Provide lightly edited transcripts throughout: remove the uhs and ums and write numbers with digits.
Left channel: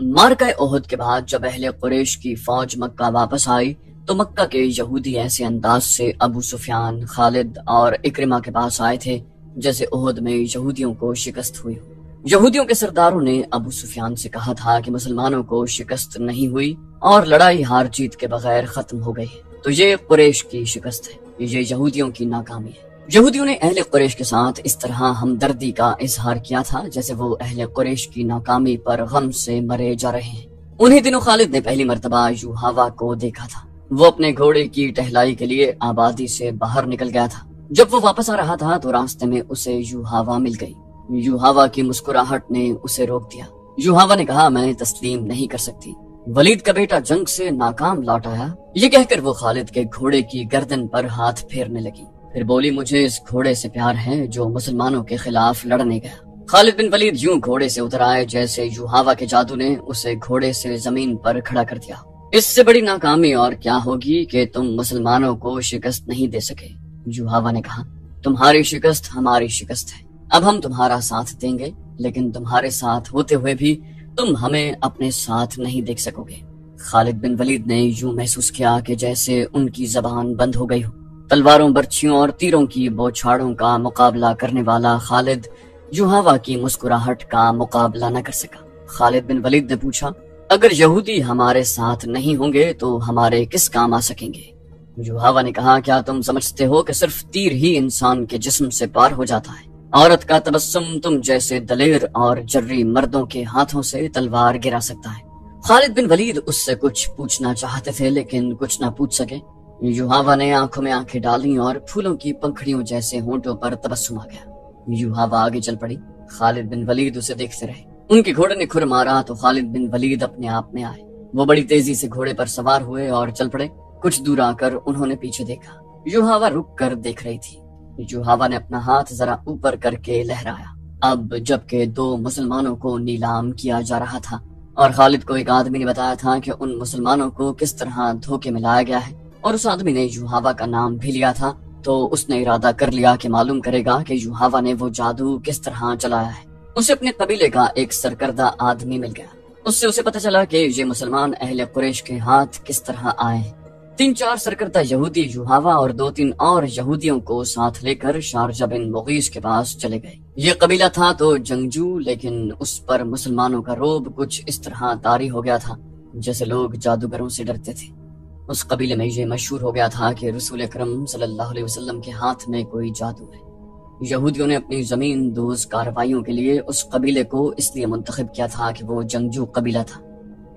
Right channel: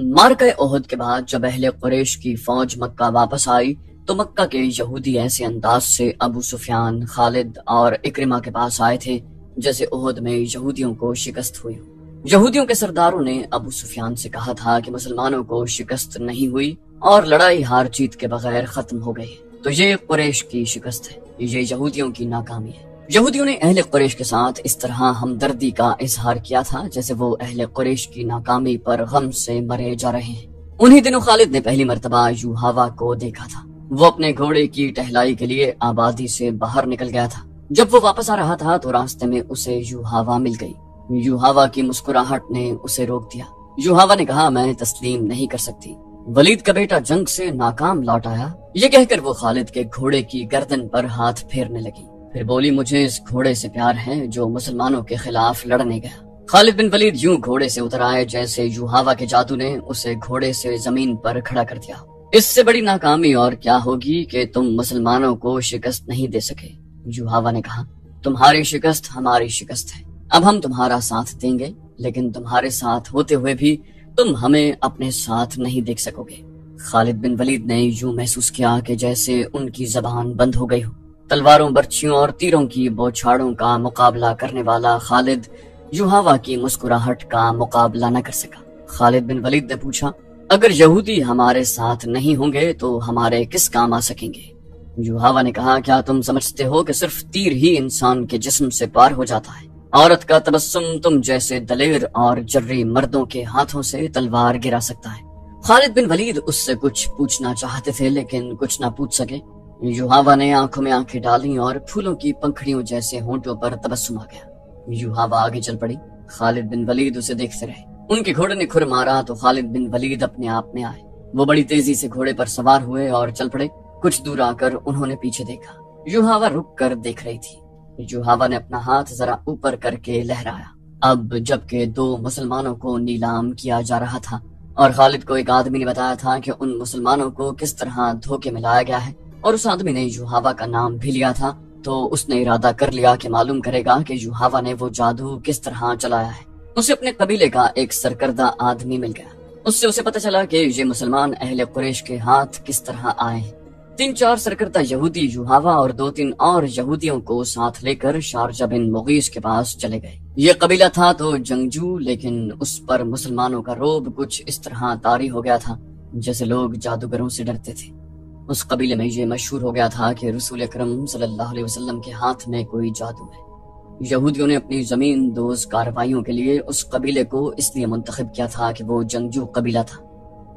معرکہ احد کے بعد جب اہل قریش کی فوج مکہ واپس آئی تو مکہ کے یہودی ایسے انداز سے ابو سفیان، خالد اور اکرمہ کے پاس آئے تھے جیسے احد میں یہودیوں کو شکست ہوئی ہو۔ یہودیوں کے سرداروں نے ابو سفیان سے کہا تھا کہ مسلمانوں کو شکست نہیں ہوئی اور لڑائی ہار جیت کے بغیر ختم ہو گئی، تو یہ قریش کی شکست ہے، یہ یہودیوں کی ناکامی ہے۔ یہودیوں نے اہل قریش کے ساتھ اس طرح ہمدردی کا اظہار کیا تھا جیسے وہ اہل قریش کی ناکامی پر غم سے مرے جا رہے ہیں۔ انہی دنوں خالد نے پہلی مرتبہ یوحاوا کو دیکھا تھا۔ وہ اپنے گھوڑے کی ٹہلائی کے لیے آبادی سے باہر نکل گیا تھا۔ جب وہ واپس آ رہا تھا تو راستے میں اسے یوحاوا مل گئی۔ یوحاوا کی مسکراہٹ نے اسے روک دیا۔ یوحاوا نے کہا، میں تسلیم نہیں کر سکتی، ولید کا بیٹا جنگ سے ناکام لوٹ آیا۔ یہ کہہ کر وہ خالد کے گھوڑے کی گردن پر ہاتھ پھیرنے لگی، پھر بولی، مجھے اس گھوڑے سے پیار ہے جو مسلمانوں کے خلاف لڑنے گیا۔ خالد بن ولید یوں گھوڑے سے اتر آئے جیسے یوحاوا کے جادو نے اسے گھوڑے سے زمین پر کھڑا کر دیا۔ اس سے بڑی ناکامی اور کیا ہوگی کہ تم مسلمانوں کو شکست نہیں دے سکے۔ یوحاوا نے کہا، تمہاری شکست ہماری شکست ہے، اب ہم تمہارا ساتھ دیں گے، لیکن تمہارے ساتھ ہوتے ہوئے بھی تم ہمیں اپنے ساتھ نہیں دیکھ سکو گے۔ خالد بن ولید نے یوں محسوس کیا کہ جیسے ان کی زبان بند ہو گئی ہو۔ تلواروں، برچھیوں اور تیروں کی بوچھاڑوں کا مقابلہ کرنے والا خالد یوحاوا کی مسکراہٹ کا مقابلہ نہ کر سکا۔ خالد بن ولید نے پوچھا، اگر یہودی ہمارے ساتھ نہیں ہوں گے تو ہمارے کس کام آ سکیں گے؟ یوحاوا نے کہا، کیا تم سمجھتے ہو کہ صرف تیر ہی انسان کے جسم سے پار ہو جاتا ہے؟ عورت کا تبسم تم جیسے دلیر اور جرری مردوں کے ہاتھوں سے تلوار گرا سکتا ہے۔ خالد بن ولید اس سے کچھ پوچھنا چاہتے تھے لیکن کچھ نہ پوچھ سکے۔ یوحاوا نے آنکھوں میں آنکھیں ڈالی اور پھولوں کی پنکھڑیوں جیسے ہونٹوں پر تبسم آ گیا۔ یوحاوا آگے چل پڑی، خالد بن ولید اسے دیکھتے رہے۔ ان کے گھوڑے نے کھر مارا تو خالد بن ولید اپنے آپ میں آئے۔ وہ بڑی تیزی سے گھوڑے پر سوار ہوئے اور چل پڑے۔ کچھ دور آ کر انہوں نے پیچھے دیکھا۔ یوحاوا رک کر دیکھ رہی تھی۔ یوحاوا نے اپنا ہاتھ ذرا اوپر کر کے لہرایا۔ اب جبکہ دو مسلمانوں کو نیلام کیا جا رہا تھا اور خالد کو ایک آدمی نے بتایا تھا کہ ان مسلمانوں کو کس طرح دھوکے میں لایا گیا ہے، اور اس آدمی نے یوحاوا کا نام بھی لیا تھا، تو اس نے ارادہ کر لیا کہ معلوم کرے گا کہ یوحاوا نے وہ جادو کس طرح چلایا ہے۔ اسے اپنے قبیلے کا ایک سرکردہ آدمی مل گیا۔ اس سے اسے پتہ چلا کہ یہ مسلمان اہل قریش کے ہاتھ کس طرح آئے ہیں۔ 3-4 سرکردہ یہودی یوحاوا اور 2-3 اور یہودیوں کو ساتھ لے کر شارجہ بن مغیث کے پاس چلے گئے۔ یہ قبیلہ تھا تو جنگجو، لیکن اس پر مسلمانوں کا رعب کچھ اس طرح طاری ہو گیا تھا جیسے لوگ جادوگروں سے ڈرتے تھے۔ اس قبیلے میں یہ مشہور ہو گیا تھا کہ رسول اکرم صلی اللہ علیہ وسلم کے ہاتھ میں کوئی جادو ہے۔ یہودیوں نے اپنی زمین دوز کارروائیوں کے لیے اس قبیلے کو اس لیے منتخب کیا تھا کہ وہ جنگجو قبیلہ تھا۔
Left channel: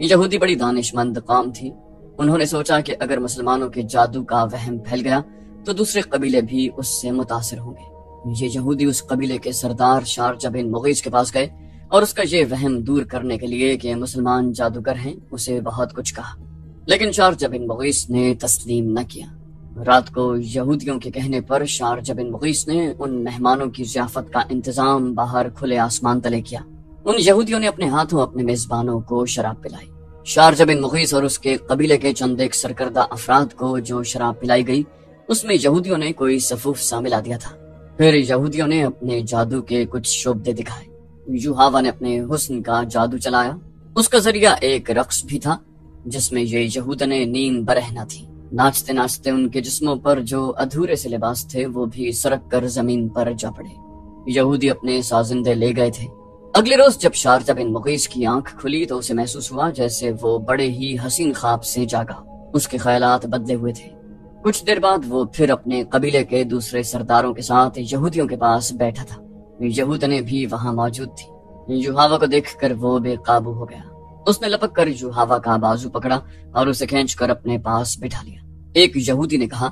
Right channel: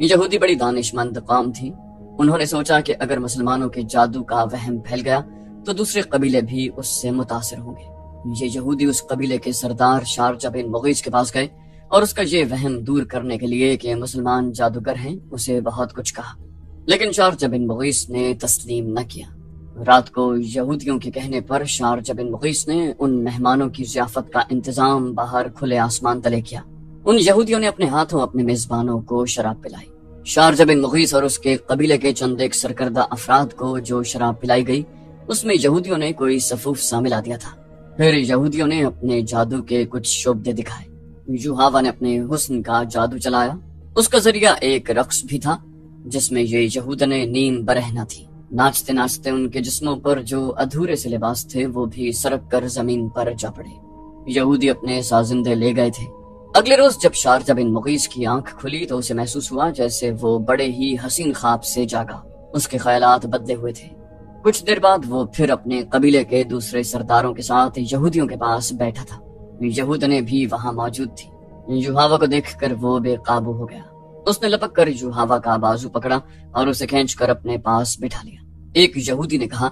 یہودی بڑی دانش مند قوم تھی۔ انہوں نے سوچا کہ اگر مسلمانوں کے جادو کا وہم پھیل گیا تو دوسرے قبیلے بھی اس سے متاثر ہوں گے۔ یہ یہودی اس قبیلے کے سردار شارجہ بن مغیث کے پاس گئے اور اس کا یہ وہم دور کرنے کے لیے کہ مسلمان جادوگر ہیں اسے بہت کچھ کہا، لیکن شارجہ بن مغیث نے تسلیم نہ کیا۔ رات کو یہودیوں کے کہنے پر شارجہ بن مغیث نے ان مہمانوں کی ضیافت کا انتظام باہر کھلے آسمان تلے کیا۔ ان یہودیوں نے اپنے ہاتھوں اپنے میزبانوں کو شراب پلائی۔ شارجہ بن مغیث اور اس کے قبیلے کے چند ایک سرکردہ افراد کو جو شراب پلائی گئی اس میں یہودیوں نے کوئی صفوف سا ملا دیا تھا۔ پھر یہودیوں نے اپنے جادو کے کچھ شعبدے دکھائے۔ یوحاوا نے اپنے حسن کا جادو چلایا۔ اس کا ذریعہ ایک رقص بھی تھا جس میں یہ یہودنیں نیم برہنہ تھی۔ ناچتے ناچتے ان کے جسموں پر جو ادھورے سے لباس تھے وہ بھی سرک کر زمین پر جا پڑے۔ یہودی اپنے سازندے لے گئے تھے۔ اگلے روز جب شارجہ بن مغیث کی آنکھ کھلی تو اسے محسوس ہوا جیسے وہ بڑے ہی حسین خواب سے جاگا۔ اس کے خیالات بدلے ہوئے تھے۔ کچھ دیر بعد وہ پھر اپنے قبیلے کے دوسرے سرداروں کے ساتھ یہودیوں کے پاس بیٹھا تھا۔ یہودنیں بھی وہاں موجود تھی۔ یوحاوا کو دیکھ کر وہ بے قابو ہو گیا۔ اس نے لپک کر یوحاوا کا بازو پکڑا اور اسے کھینچ کر اپنے پاس بٹھا لیا۔ ایک یہودی نے کہا،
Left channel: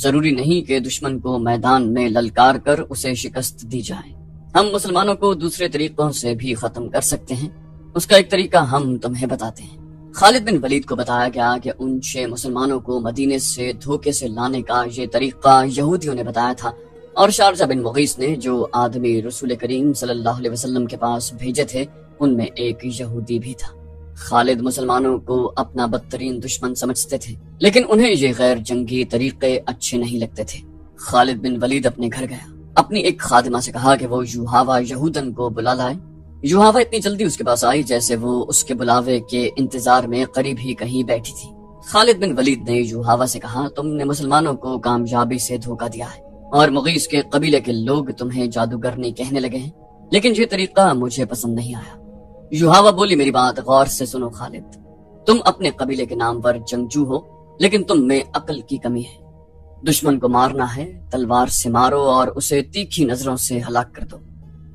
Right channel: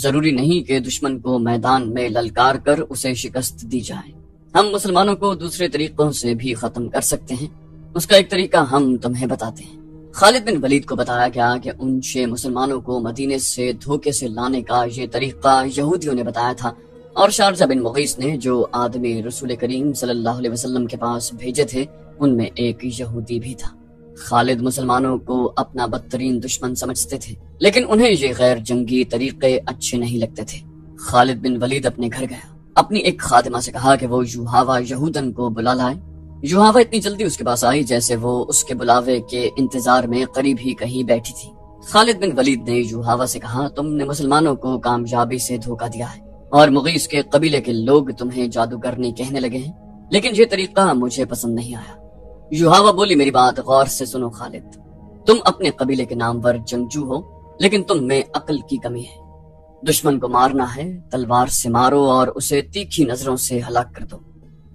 ضروری نہیں کہ دشمن کو میدان میں للکار کر اسے شکست دی جائے، ہم مسلمانوں کو دوسرے طریقوں سے بھی ختم کر سکتے ہیں۔ اس کا ایک طریقہ ہم تمہیں بتاتے ہیں۔ خالد بن ولید کو بتایا گیا کہ ان 6 مسلمانوں کو مدینے سے دھوکے سے لانے کا یہ طریقہ یہودیوں نے بتایا تھا، اور شارجہ بن مغیث نے جو آدمی رسول کریم صلی اللہ علیہ وسلم کے پاس بھیجے تھے ان میں ایک یہودی بھی تھا۔ خالد مسلمانوں کو اپنا بدترین دشمن سمجھتے تھے، لیکن انہیں یہ غیر جنگی طریقے اچھے نہیں لگتے تھے۔ خالد بن ولید اپنے گھر گیا، اپنی ایک خادمہ سے کہا کہ وہ یوحاوا یہودن کو بلا لائے۔ یوہاوا اتنی جلدی اس کے پاس آئی جیسے وہ اس کے بلاوے کے انتظار میں قریب ہی کہیں بیٹھی تھی۔ خالد بن ولید نے یوہاوا سے کہا، تم نے مسلمانوں کو کامیابی سے دھوکہ دیا ہے اور مغیث کے قبیلے کے لوگ تمہیں جادوگرنی کہنے لگے ہیں، لیکن یہ طریقہ مجھے پسند نہیں آیا۔ یوہاوا بولی، میری بات غور سے سنو خالد، تم اپنے قبیلے کے نامور جنگجو ہو، لیکن تم میں عقل کی کمی ہے۔ دشمن کو مارنا ہے، تلوار سے مارو اور اسے تیکھی نظروں سے ہلاک کر دو۔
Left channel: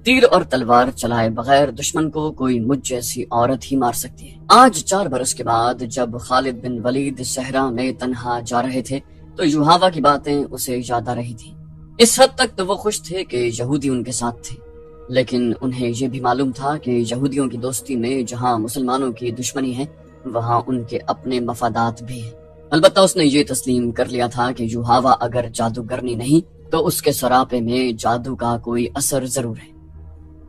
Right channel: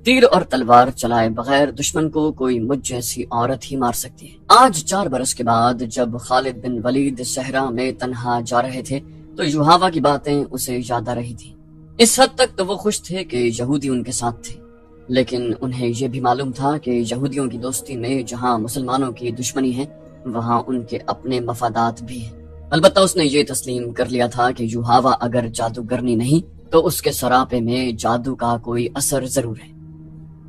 تیر اور تلوار چلائے بغیر دشمن کو کوئی مجھ جیسی عورت ہی مار سکتی ہے۔ آج 4 برس کے بعد جب خالد بن ولید صحرا میں تنہا جا رہے تھے تو یوہاوا کی باتیں اسے یاد آ رہی تھی۔ اس حد تک تو وہ خوش تھے کہ یہودی ان کے ساتھ تھے، لیکن انہیں یہ بھی معلوم تھا کہ یہودیوں کی دوستی میں جہاں مسلمانوں کی دشمنی ہے وہاں ان کے اپنے مفادات بھی ہیں۔ البتہ اس نے یہ تسلیم کر لیا تھا کہ یوہاوا اگر جادوگرنی نہیں تو اس کے سراپے میں جادو کا کوئی اثر ضرور ہے۔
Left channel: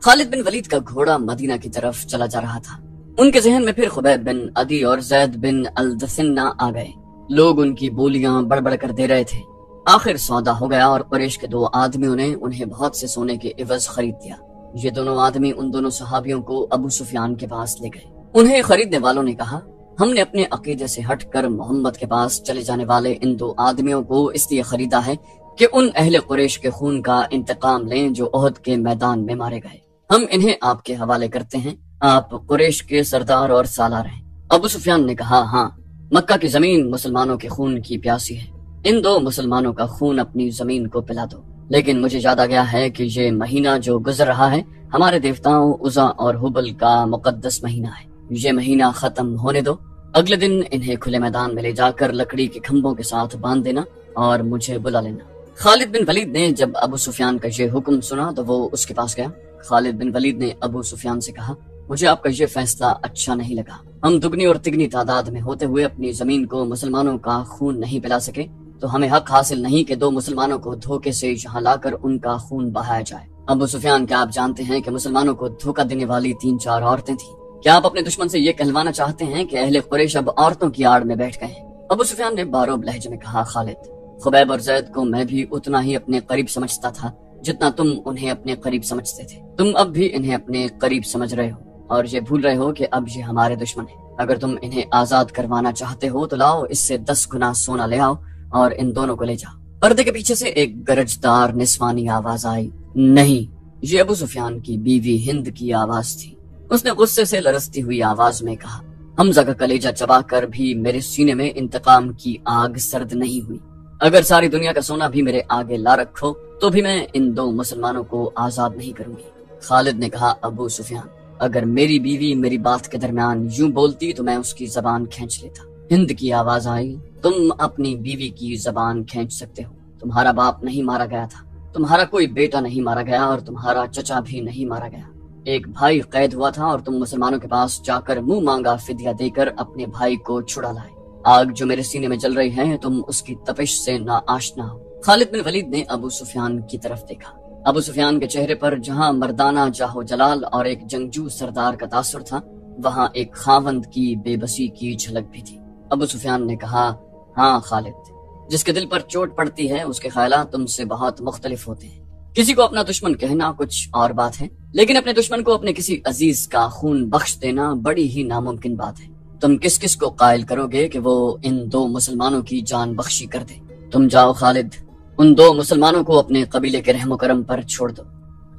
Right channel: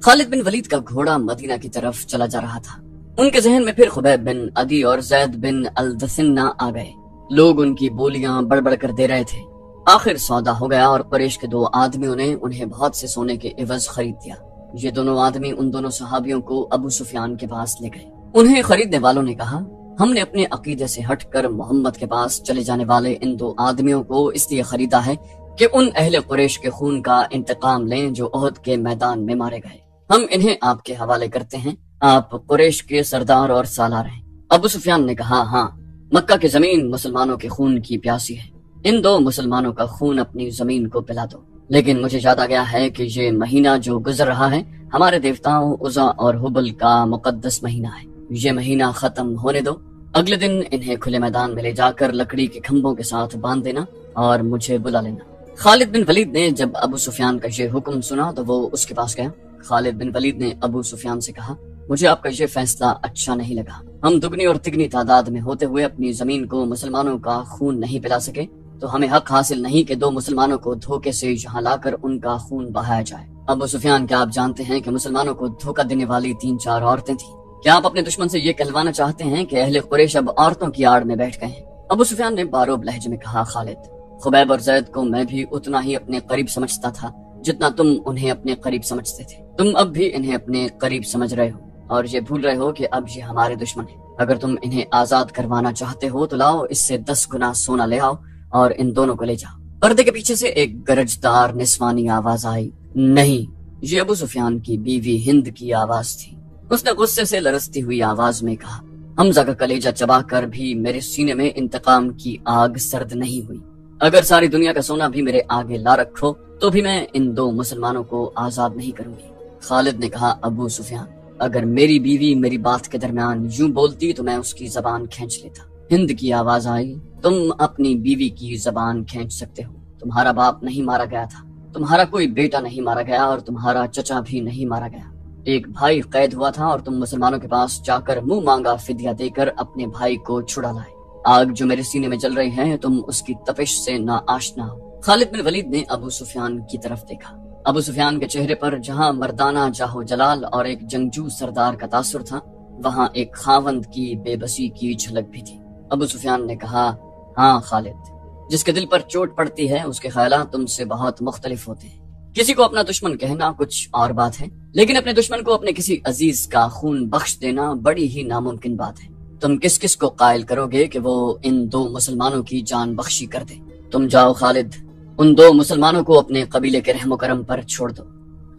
خالد بن ولید کا گھوڑا مدینہ کی طرف چلا جا رہا تھا۔ ان کے ذہن میں پھر خبیب بن عدی اور زید بن الدثنہ آ گئے۔ لوگ ان کی بولیاں بڑھ کر دے رہے تھے۔ آخر سودا ہو گیا اور قریش کے 2 آدمیوں نے انہیں بہت سے سونے کے عوض خرید دیا۔ یہ دونوں آدمی ان دونوں صحابیوں کو ابو سفیان کے پاس لے گئے۔ انہیں خریدنے والوں نے کہا، ہم نے اپنے عقیدے سے ہٹ کر محمد کے پاس چلے جانے والے ان 2 آدمیوں کو اس لیے خریدا ہے کہ ان اہل قریش کے خون کا انتقام لیں جو احد کے میدان میں مارے گئے۔ ہم انہیں آپ کے حوالے کرتے ہیں، آپ قریش کے سردار اور سالار ہیں۔ ابو سفیان نے کہا، ہاں، مکہ کی زمین مسلمانوں کے خون کی پیاسی ہے، ان 2 مسلمانوں کا خون اپنی زمین کو پلا دو۔ لیکن مجھے یاد آ گیا ہے کہ یہ مہینہ جو گزر رہا ہے ہمارے دیوتاؤں عزا اور حبل کا مقدس مہینہ ہے، یہ مہینہ ختم ہونے دو۔ اگلے دن انہیں کھلے میدان میں لے جا کر لکڑی کے کھمبوں کے ساتھ باندھ دینا اور مجھے بلا لینا۔ خالد بن ولید نے جب ابو سفیان کا یہ حکم سنا تو وہ اس کے پاس گیا۔ خالد بن ولید نے ابو سفیان سے کہا، مجھے آپ کا یہ فیصلہ اچھا نہیں لگا۔ ہم دگنی اور تگنی تعداد میں ہوتے ہوئے اپنی زمین کو مسلمانوں کا خون نہیں پلا سکے تو ہمیں حق حاصل نہیں کہ 2 مسلمانوں کو دھوکے سے یہاں لا کر ان کا خون بہایا جائے۔ ابو سفیان، کیا آپ جانتے ہیں کہ مسلمانوں کو دھوکہ دینے والی 3-4 عورتیں تھیں؟ کیا آپ اپنے دشمن سے یہ کہلوانا چاہتے ہیں کہ اہل قریش اب عورتوں کی آڑ میں بیٹھ گئے ہیں؟ ابو سفیان نے باروب لہجے میں کہا، خالد، خبیب اور زید کو میں بھی اتنا ہی اپنے قریب سمجھتا تھا جتنا تم انہیں اپنے قریب سمجھتے تھے۔ تم اب بھی انہیں اپنے قریب سمجھ رہے ہو اور یہ بھول رہے ہو کہ اب یہ ہمارے دشمن ہیں۔ اگر تم انہیں آزاد کروانا چاہتے ہو تو لاؤ اس سے 10 گنا سونا لے آؤ اور ان دونوں کو لے جاؤ۔ پردے کے پیچھے سے ایک گرجدار نسوانی آواز آئی۔ نہیں، یہ ابو سفیان کی بیوی ہند کی آواز تھی۔ اس نے غصے سے لرزتی ہوئی آواز میں کہا، حمزہ کا کلیجہ چبا کر بھی میرے سینے میں انتقام کی آگ سرد نہیں ہوئی۔ اگر ساری دنیا کا سونا بھی میرے آگے لا رکھو تو بھی میں ان 2 مسلمانوں کو آزاد نہیں کروں گی۔ خالد نے کہا، ابو سفیان، اگر میری بیوی میری بات کے درمیان یوں بولتی تو میں اس کی زبان کھینچ لیتا۔ ہند کی آواز آئی، تم اپنی بیوی کی زبان کھینچ سکتے ہو، تمہارا باپ نہیں مارا گیا تھا، تمہارا کوئی بیٹا نہیں مارا گیا اور تمہارا چچا بھی نہیں مارا گیا۔ ایک بھائی قید ہوا تھا اور تم مسلمانوں کے پاس جا کر منہ مانگا فدیہ دے کر اپنے بھائی کو چھڑا لائے۔ آگ جو میرے سینے میں جل رہی ہے تم اس کی تپش سے نا آشنا ہو۔ خالد بن ولید نے ابو سفیان کی طرف دیکھا۔ ابو سفیان کے چہرے پر جہاں مردانہ جاہو جلال اور ایک جنگجو سردار کا تاثر تھا وہاں ایک خاوند کی بے بسی کی جھلک بھی تھی۔ ابو سفیان نے کہا، ہاں خالد، جس کے دل پر چوٹ پڑتی ہے اس کے خیالات تم سے بہت مختلف ہوتے ہیں۔ کسی کو اپنا دشمن کہنا کچھ اور بات ہے، لیکن اپنے دشمن کو اپنے کسی عزیز کا خون بخش دینا بڑی ہی ناممکن بات ہے۔ تم کس کس کو قائل کرو گے کہ وہ ان 2 مسلمانوں کی جان بخشی کر دے؟ تم جاؤ خالد، ان 2 مسلمانوں کو اپنے قبیلے کے رحم و کرم پر چھوڑ دو۔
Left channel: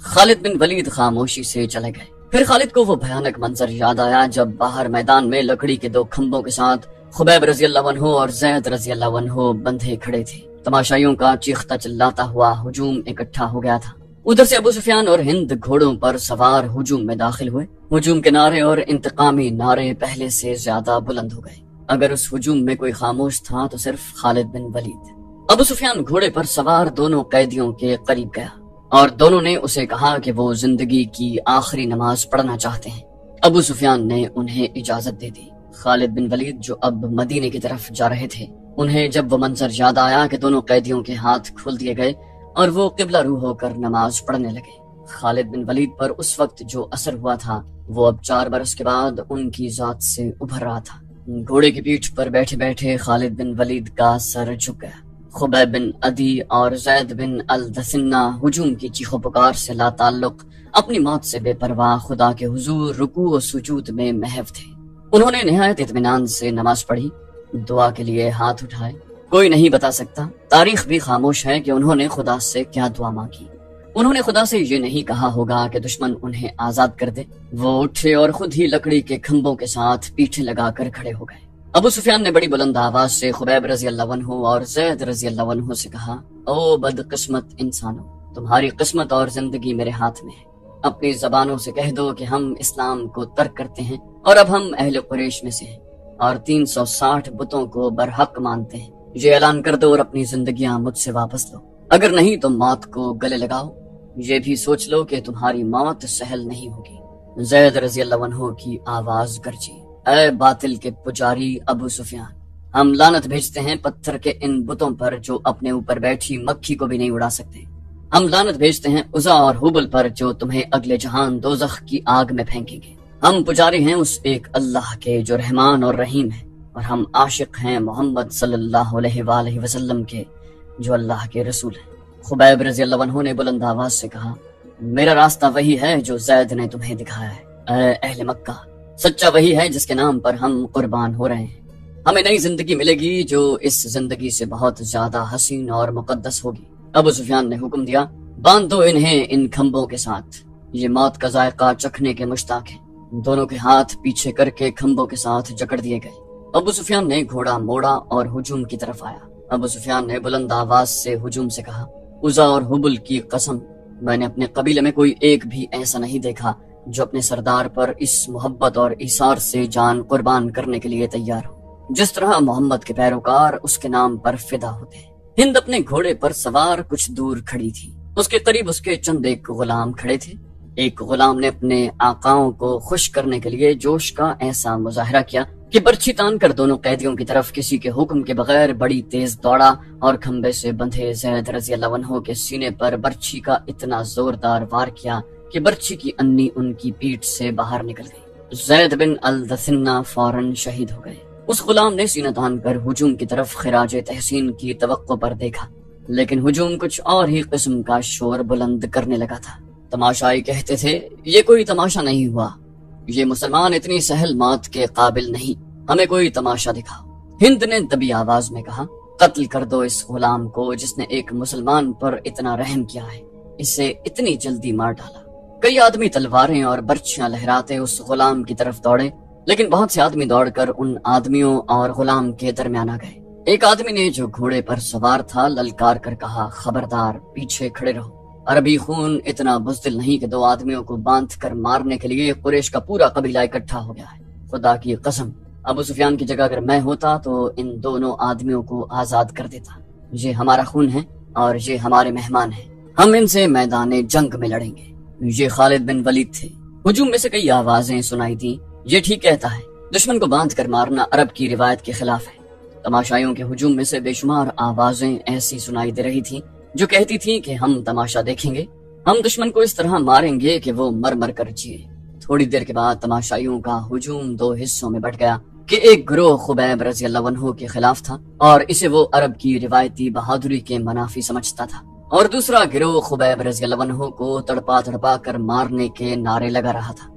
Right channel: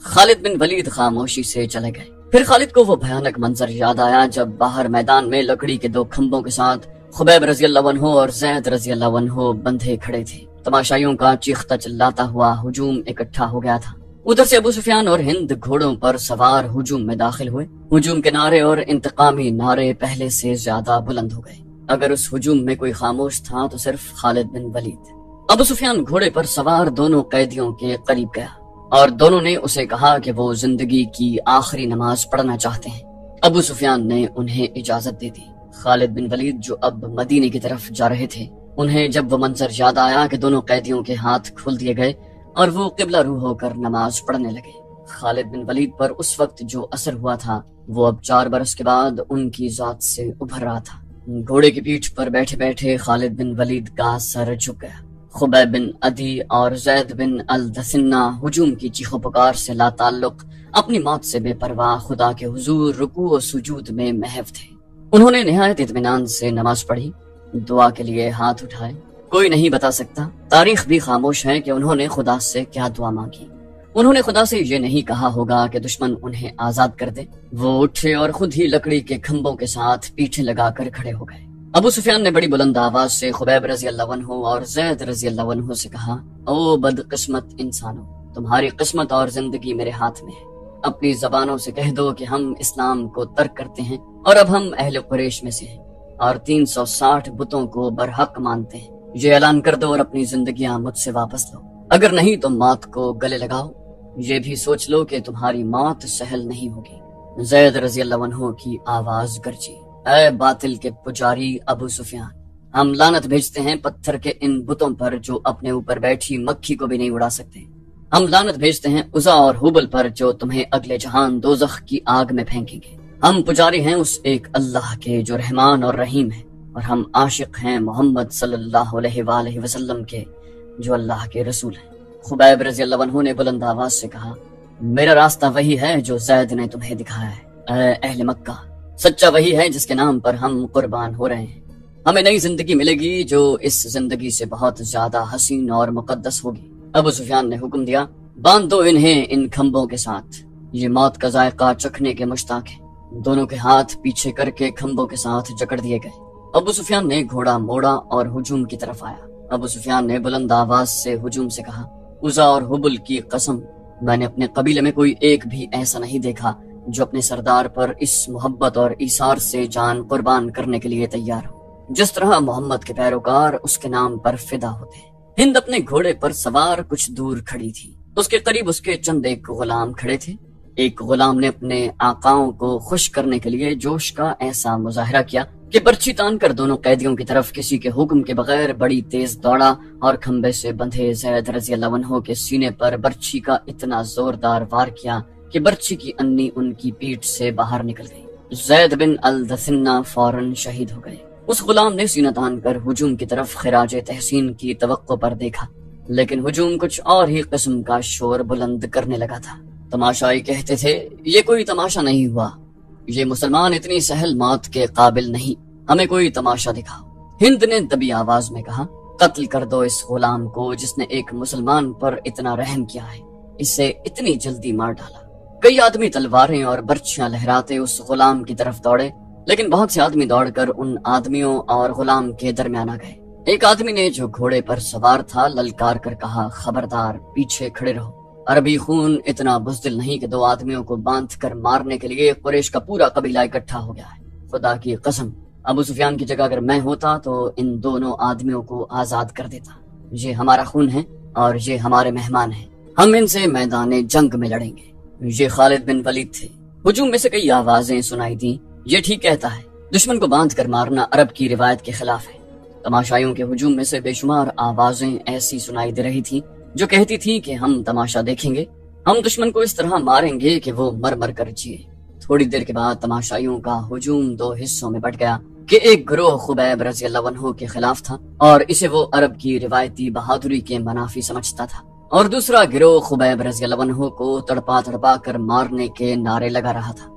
خالد بن ولید خاموشی سے چلے گئے۔ پھر خالد کو وہ بھیانک منظر یاد آیا جب باہر میدان میں لکڑی کے 2 کھمبوں کے ساتھ خبیب رضی اللہ عنہ اور زید رضی اللہ عنہ بندھے کھڑے تھے۔ تماشائیوں کا چیختا چلاتا ہوا ہجوم اکٹھا ہو گیا تھا۔ ادھر سے ابو سفیان اور ہند گھوڑوں پر سوار ہجوم میں داخل ہوئے۔ ہجوم کے نعرے اور انتقامی نعرے پہلے سے زیادہ بلند ہو گئے۔ اگر اس ہجوم میں کوئی خاموش تھا تو صرف خالد بن ولید۔ ابو سفیان گھوڑے پر سوار دونوں قیدیوں کے قریب گیا اور دونوں نے اسے کہا کہ وہ زندگی کی آخری نماز پڑھنا چاہتے ہیں۔ ابو سفیان نے انہیں اجازت دے دی۔ خالد بن ولید جو اب مدینے کی طرف جا رہے تھے، انہیں جب وہ منظر یاد آیا کہ دونوں قیدیوں کے ہاتھ کھول دیے گئے اور وہ قبلہ رو ہو کر نماز پڑھنے لگے۔ خالد بن ولید پر اس وقت جو اثر ہوا تھا وہ اب 4 برس کے بعد ان کی ذات سے ابھر رہا تھا۔ گھوڑے کی پیٹھ پر بیٹھے بیٹھے خالد بن ولید کا سر جھک گیا۔ خبیب بن عدی اور زید بن الدثنہ ہجوم کی چیخو پکار سے لا تعلق اپنی موت سے بے پرواہ خدا کے حضور رکوع و سجود میں محو تھے۔ انہوں نے نہایت اطمینان سے نماز پڑھی، دعا کے لیے ہاتھ اٹھائے۔ کوئی نہیں بتا سکتا، تاریخ بھی خاموش ہے کہ انہوں نے خدا سے کیا دعا مانگی۔ انہوں نے خدا سے یہ نہیں کہا ہوگا کہ دشمن انہیں آزاد کر دے۔ وہ اٹھے اور خود ہی لکڑی کے کھمبوں کے ساتھ پیٹھیں لگا کر کھڑے ہو گئے۔ ابو سفیان نے بڑی بلند آواز سے خبیب رضی اللہ عنہ اور زید رضی اللہ عنہ سے کہا، او بد قسمت انسانوں، تمہاری قسمت اور زندگی میرے ہاتھ میں ہے۔ اپنی زبانوں سے کہہ دو کہ ہم اسلام کو ترک کرتے ہیں اور اب ہم اہل قریش میں سے ہیں اور 360 بتوں کو برحق مانتے ہیں۔ یہ اعلان کر دو اور اپنی زندگیاں مجھ سے واپس لو، اگر نہیں تو موت کو گلے لگاؤ۔ یہ بھی سوچ لو کہ تمہاری موت سہل نہیں ہوگی۔ زید رضی اللہ عنہ کی آواز گرجی، اے باطل کے پجاری ابو سفیان، ہم لعنت بھیجتے ہیں پتھر کے ان بتوں پر جو اپنے اوپر بیٹھی مکھی کو بھی نہیں اڑا سکتے۔ ہم لعنت بھیجتے ہیں عزا اور حبل پر جو تمہیں اگلے جہان دوزخ کی آگ میں پھینکیں گے۔ ہم پجاری ہیں اس ایک اللہ کے جو رحمان اور رحیم ہے، اور ہم عاشق ہیں محمد صلی اللہ علیہ وآلہ وسلم کے جو اللہ کے رسول ہیں۔ خبیب رضی اللہ عنہ نے بلند آواز سے کہا، میرا راستہ وہی ہے جو زید نے تمہیں دکھایا ہے۔ اے اہل مکہ، سچا وہی ہے جس کے نام پر ہم قربان ہو رہے ہیں۔ ہمیں نئی زندگی ملے گی جو اس زندگی سے بہت زیادہ حسین اور مقدس ہوگی۔ ابو سفیان نے حکم دیا، باندھ دو انہیں ان کھمبوں کے ساتھ، یہ موت کا ذائقہ چکھنے کے مشتاق ہیں۔ دونوں کے ہاتھ پیچھے کر کے کھمبوں کے ساتھ جکڑ دیے گئے۔ ابو سفیان نے گھوڑا موڑا اور ہجوم کی طرف آیا۔ ابو سفیان نے بلند آواز سے ہجوم سے کہا، عزا اور حبل کی قسم، میں نے اپنے قبیلے میں کوئی ایک بھی ایسا نہیں دیکھا جو اپنے سردار پر اس محبت اور ایثار سے جان قربان کرنے کے لیے تیار ہو جس طرح محمد کے پیروکار اس کے نام پر فدا ہوتے ہیں۔ ہند اپنے گھوڑے پر سوار کچھ دور کھڑی تھی، اس کے قریب اس کے چند ایک غلام کھڑے تھے۔ ایک غلام نے اپنے آقاؤں کو خوش کرنے کے لیے جوش کا ایسا مظاہرہ کیا کہ برچھی تان کر دونوں قیدیوں کی طرف کسی کے حکم کے بغیر بڑی تیز دوڑا اور کھمبے سے بندھے زید رضی اللہ عنہ کے سینے پر برچھی کا اتنا زوردار وار کیا کہ برچھی کی انی ان کی پیٹھ سے باہر نکل گئی۔ زید بن الدثنہ فوراً شہید ہو گئے۔ اس غلام نے سینہ تان کر ہجوم کی طرف خراج تحسین کی توقع پر دیکھا، لیکن ہجوم کچھ اور ہی قسم کا شور بلند کرنے لگا تھا۔ تماشائی کہتے تھے، یہ کوئی تماشا نہیں ہوا، یہ مسلمان اتنی سہل موت کے قابل نہیں، ہمیں کوئی تماشا دکھاؤ۔ ہند نے دبی آواز میں کہا، قتل کر دو اس غلام کو جس نے ایک مسلمان پر اتنا رحم کیا ہے، اسے اتنی جلدی مار ڈالا۔ کئی آدمی تلواریں اور برچھیاں لہراتے اس غلام کی طرف دوڑے، لیکن بہت سے آدمی دوڑ کر ان آدمیوں اور غلام کے درمیان آ گئے۔ ایک آدمی نے جو گھوڑے پر سوار تھا للکار کر کہا، خبردار، پیچھے کھڑے رہو۔ عربی خون اتنا بزدل نہیں کہ دو آدمیوں کو باندھ کر مارنے کے لیے قریش کا پورا قبیلہ اکٹھا ہو گیا ہے۔ خدا کی قسم، ابو سفیان کی جگہ اگر میں ہوتا تو ان دونوں آدمیوں کو آزاد کر دیتا۔ یہ ہمارا خون ہے اور یہ ہمارے مہمان ہیں، ہم ان سے میدان جنگ میں لڑیں گے۔ یہ خالد بن ولید تھے۔ ہجوم میں سے کئی آوازیں سنائی دیں، یہ ٹھیک کہتا ہے، دشمن کو باندھ کر مارنا عرب کی روایت کے خلاف ہے۔ تماشائیوں کے ہجوم میں سے بے شمار آوازیں ایسی سنائی دے رہی تھیں جو کہتی تھی کہ ہم تماشا دیکھیں گے، ہم دشمن کو اس طرح ماریں گے کہ وہ مر مر کر جیے۔ تھوڑی دیر کے بعد تماشائیوں کا ہجوم دو حصوں میں بٹ گیا کہ ایک گروہ خبیب رضی اللہ عنہ کے خلاف تھا اور اسے وہ عرب کی روایتی بہادری کے منافی سمجھتا تھا، اور دوسرا گروہ خبیب رضی اللہ عنہ کو تڑپا تڑپا کر مارنے کے نعرے لگا رہا تھا۔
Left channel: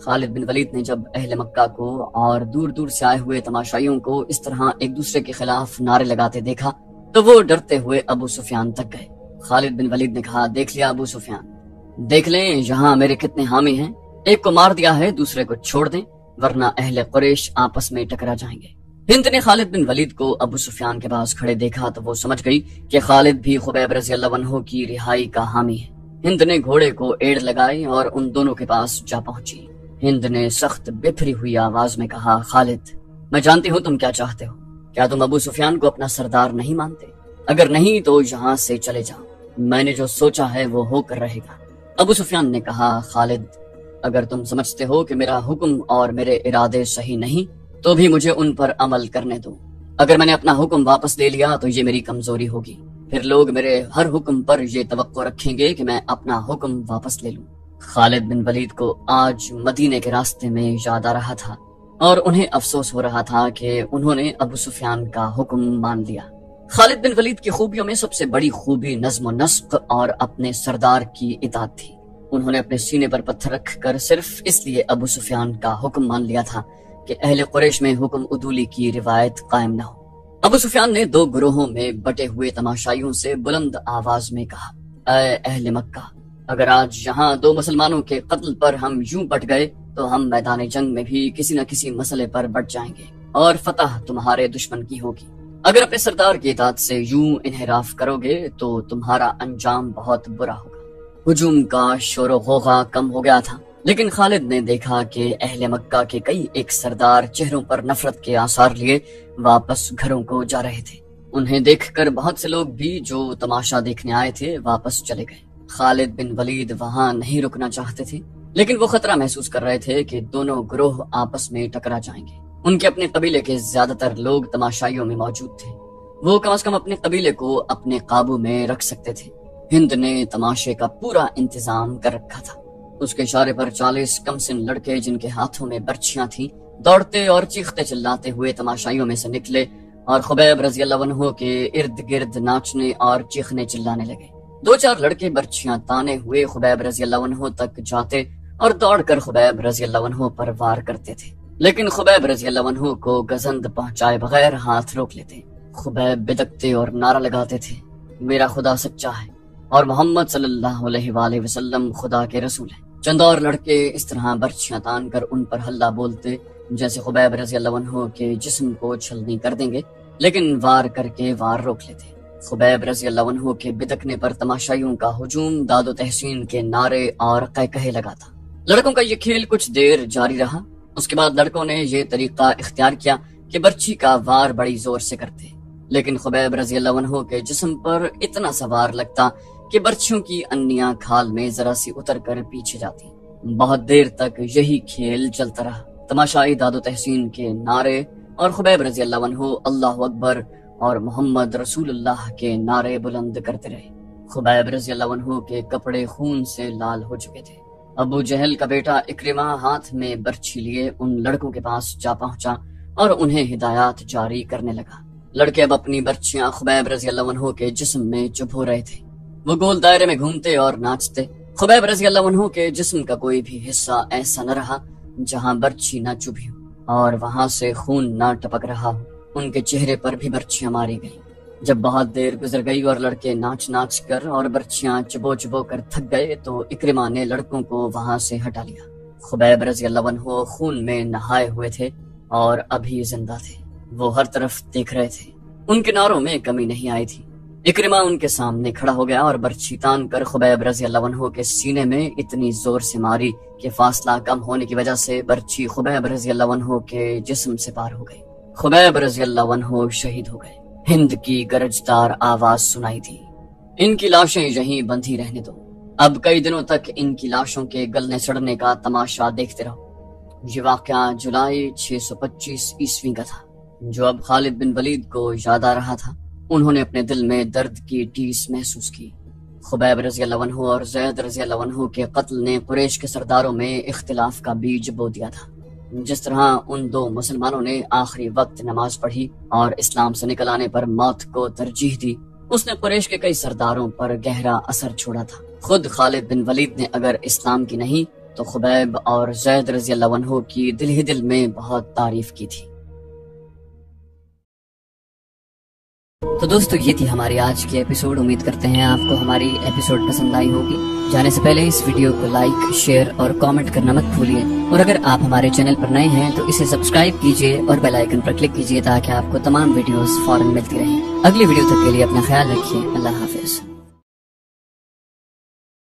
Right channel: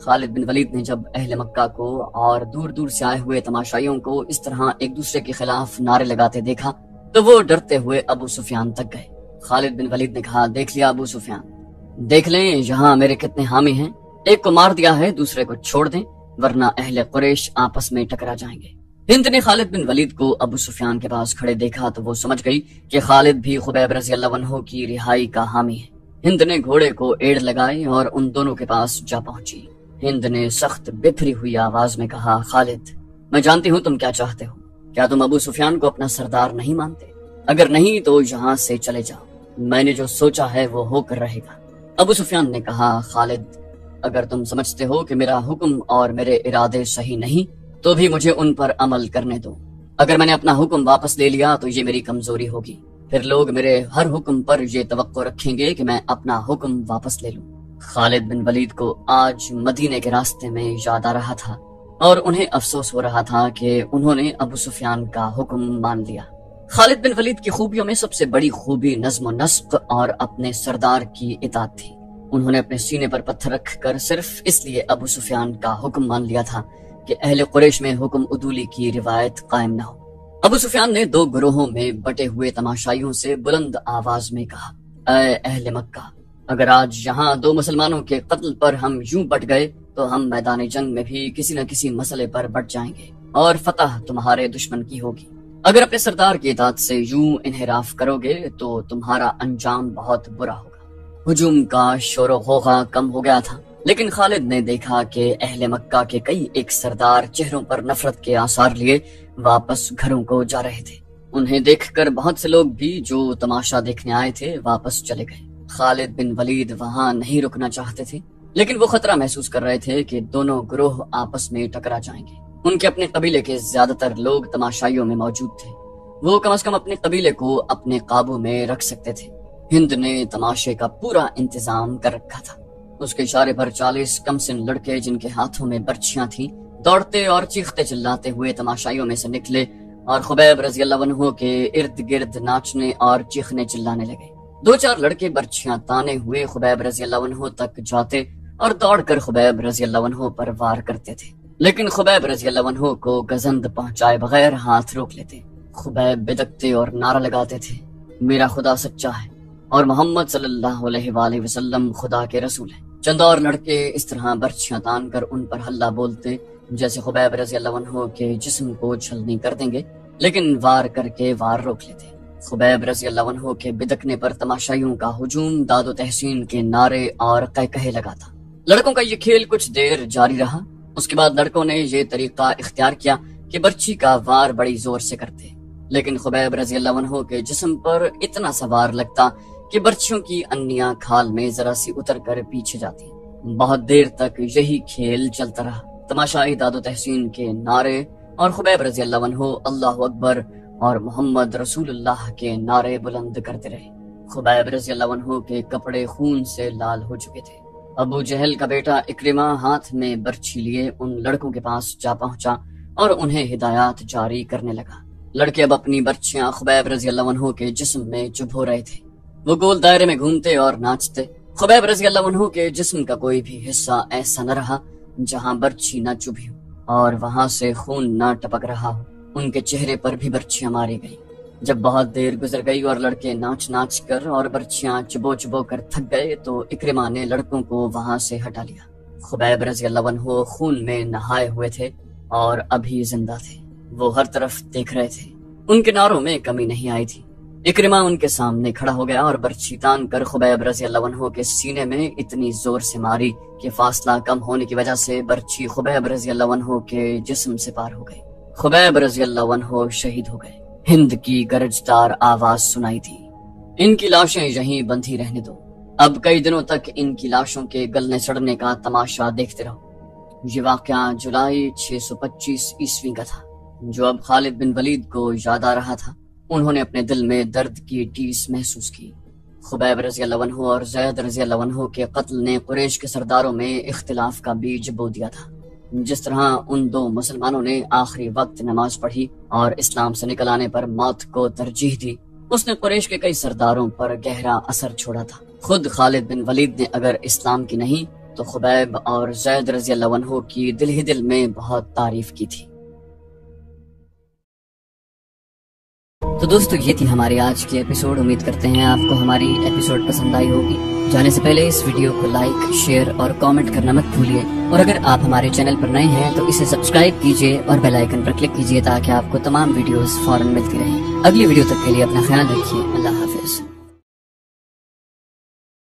خالد بن ولید نے جب اہل مکہ کو اور دور دور سے آئے ہوئے تماشائیوں کو اس طرح ایک دوسرے کے خلاف نعرے لگاتے دیکھا تو وہ ڈرتے ہوئے ابو سفیان تک گئے۔ خالد بن ولید نے کہا، دیکھ لیا ابو سفیان، دیکھ لیں یہاں میرے کتنے حامی ہیں، ایک کو مار دیا ہے دوسرے کو چھوڑ دیں ورنہ اہل قریش آپس میں ٹکرا جائیں گے۔ ہند نے خالد بن ولید کو ابو سفیان کے پاس کھڑے دیکھا تو وہ سمجھ گئی کہ خالد بھی خبیب رضی اللہ عنہ کی رہائی کا حامی ہے۔ ہند نے گھوڑے کو ایڑ لگائی اور ان دونوں کے پاس جا پہنچی۔ ہند نے سخت بپھری ہوئی آواز میں کہا، خالد، میں جانتی ہوں تم کیا چاہتے ہو، کیا تم ابو سفیان کو اپنا سردار نہیں مانتے؟ اگر نہیں تو یہاں سے چلے جاؤ، میں نے جو سوچا ہے وہ ہو کر رہے گا۔ ابو سفیان نے کہا، خالد، اگر تم سمجھتے ہو کہ میرا حکم اور میرے ارادے صحیح نہیں تو بھی مجھے ان پر عمل کرنے دو۔ اگر میں نے اپنا حکم واپس لے لیا تو یہ میری کمزوری ہوگی، پھر لوگ میرے ہر حکم پر یہ توقع رکھیں گے کہ میں اپنا حکم واپس لے لوں۔ خالد بن ولید کو آج مدینے کے راستے میں یاد آ رہا تھا اور انہیں افسوس ہو رہا تھا کہ انہوں نے ابو سفیان کا حکم مان لیا۔ خالد بن ولید کی خوبیوں میں سب سے بڑی خوبی نظم و نسق اور اپنے سردار کی اطاعت تھی۔ انہوں نے اپنے سینے پر پتھر رکھ کر صرف اس لیے ابو سفیان کا حکم مان لیا تھا کہ اہل قریش میں حکم عدولی کی روایت قائم نہ ہو۔ ابو سفیان نے 2 گروہوں میں بٹے ہوئے تماشائیوں سے بلند آواز میں کہا، اے اہل مکہ، اگر آج یہاں 2 مسلمانوں کے قتل پر ہم یوں بٹ گئے تو ہم میدان جنگ میں بھی کسی نہ کسی مسئلے پر بٹ جائیں گے اور فتح تمہارے دشمن کی ہوگی۔ اگر اپنے سردار کی اطاعت سے یوں انحراف کرو گے تو تمہارا انجام بہت برا ہوگا۔ ہجوم کا شور و غوغا کم ہو گیا تھا، لیکن خالد نے دیکھا کہ اہل مکہ کے کئی ایک سردار چہروں پر نفرت کے آثار لیے واپس گھروں کو جا رہے تھے۔ انہیں دیکھ کر بہت سے لوگ بھی جو تماشا دیکھنے آئے تھے واپس چلے گئے۔ خالد بن ولید وہاں نہیں رکنا چاہتے تھے، لیکن وہ خطرہ محسوس کر رہے تھے کہ دونوں گروہ آپس میں ٹکرا جائیں گے۔ ان کے اپنے قبیلے کے زیادہ تر لوگ تماشائیوں میں موجود تھے، وہ کم از کم اپنے قبیلے کو اپنے قابو میں رکھ سکتے تھے۔ ہند نے تماشے کا پورا انتظام کر رکھا تھا۔ اس کے اشارے پر 40 کم سن لڑکے جن کے ہاتھوں میں برچیاں تھیں دوڑتے اور چیختے چلاتے ہوئے تماشائیوں میں سے نکلے اور خبیب رضی اللہ عنہ کے ارد گرد ناچنے اور چیخنے چلانے لگے۔ 2-4 لڑکے برچیاں تانے ہوئے خبیب رضی اللہ عنہ تک جاتے اور دوڑ کر خبیب رضی اللہ عنہ پر وار کرتے تھے، لیکن خبیب رضی اللہ عنہ کو گزند پہنچائے بغیر ہاتھ روک لیتے۔ خبیب بدکتے اور نعرہ لگاتے تھے، میرا خدا سچا ہے اور محمد صلی اللہ علیہ وآلہ وسلم خدا کے رسول ہیں۔ چند اور لڑکے اس طرح برچیاں تان کر ان پر ہلہ بولتے جیسے خبیب رضی اللہ عنہ کے جسم کو چھلنی کر دیں گے، لیکن وار کر کے وار روک لیتے۔ خبیب رضی اللہ عنہ کے بدکنے پر تماشائیوں کا ہجوم داد و تحسین کے نعرے اور قہقہے لگاتا۔ لڑکوں کا یہ کھیل کچھ دیر جاری رہا۔ اس کے بعد لڑکوں نے یہ طریقہ اختیار کیا کہ برچی کا وار بڑی زور سے کرتے، لیکن خبیب رضی اللہ عنہ کے جسم پر اتنا سوار لگتا کہ برچیوں کی انیاں کھال میں ذرا سی اتر کر پیچھے جاتی۔ بہت دیر تک یہی کھیل چلتا رہا۔ تماشائی داد و تحسین کے نعرے اور خبیب رضی اللہ عنہ اللہ اکبر اور محمد رسول اللہ کے نعرے بلند کرتے رہے۔ خبیب رضی اللہ عنہ کے کپڑے خون سے لال ہو چکے تھے۔ ابو جہل کا بیٹا اکرمہ ہاتھ میں برچھی لیے ان لڑکوں کے پاس جا پہنچا اور انہیں ہدایات جاری کرنے لگا۔ لڑکے اب اپنی برچیاں خبیب رضی اللہ عنہ کے جسم میں چبھو رہے تھے۔ وہ گول دائرے میں گھومتے اور ناچتے۔ خبیب رضی اللہ عنہ کے جسم کا کوئی بھی حصہ ایسا نہ رہا جہاں برچھی نہ چبھی ہو اور وہاں سے خون نہ ٹپک رہا ہو۔ ان کے چہرے پر بھی برچیاں ماری گئیں۔ جب بہت دیر گزر گئی اور لڑکے ناچ ناچ کر اور برچیاں چبو چبو کر تھک گئے تو اکرمہ نے لڑکوں کو وہاں سے ہٹا لیا۔ خبیب رضی اللہ عنہ خون میں نہائے ہوئے تھے اور ابھی زندہ تھے۔ وہ ہر طرف دیکھ رہے تھے، ان کے نعروں میں کمی نہیں آئی تھی۔ اکرمہ ان کے سامنے کھڑا ہو گیا اور برچھی تان کر خبیب رضی اللہ عنہ کے سینے میں اتنی زور سے ماری کہ فاصلہ کم ہونے کی وجہ سے برچھی خبیب رضی اللہ عنہ کے جسم سے پار ہو گئی۔ خبیب رضی اللہ عنہ شہید ہو گئے۔ ہند کی گرجدار آواز سنائی تھی، ان کی لاشیں یہیں بندھی رہنے دو، اب کئی دنوں تک ان کی لاشوں کے گلنے سڑنے کا تماشا دیکھتے رہو۔ یہ واقعہ جولائی 625 عیسوی کا تھا، جو اب خالد بن ولید کو یاد آ رہا تھا۔ انہوں نے اپنے دل میں درد کی ٹیس محسوس کی۔ خبیب رضی اللہ عنہ اور زید رضی اللہ عنہ کے قتل نے قریش کے سرداروں میں اختلاف کا بیج بو دیا تھا۔ جس طرح ان 2 مسلمانوں نے آخری وقت نماز پڑھی اور اسلام سے نکل آنے پر موت کو ترجیح دی، اس نے قریش کے کئی سرداروں پر گہرا اثر چھوڑا تھا۔ خود خالد بن ولید نے اگر اسلام کی نہیں تو خبیب اور زید رضی اللہ عنہ کی دل ہی دل میں بہت تعریف کی تھی۔ تو دوستو یہ تھی ہماری آج کی ایپیسوڈ۔ امید کرتے ہیں آپ کو ہماری ایپیسوڈ پسند آئی ہوگی۔ جانے سے پہلے اس ویڈیو کو لائک، شیئر اور کامنٹ کرنا مت بھولیے، اور اگر آپ ہمارے چینل پر نئے ہیں تو اسے سبسکرائب کیجیے اور بیل آئیکن پر کلک کیجیے تاکہ آپ کو تمام ویڈیوز فوراً ملتی رہیں۔ اگلی ویڈیو تک کے لیے اپنا خیال رکھیے۔ اللہ حافظ۔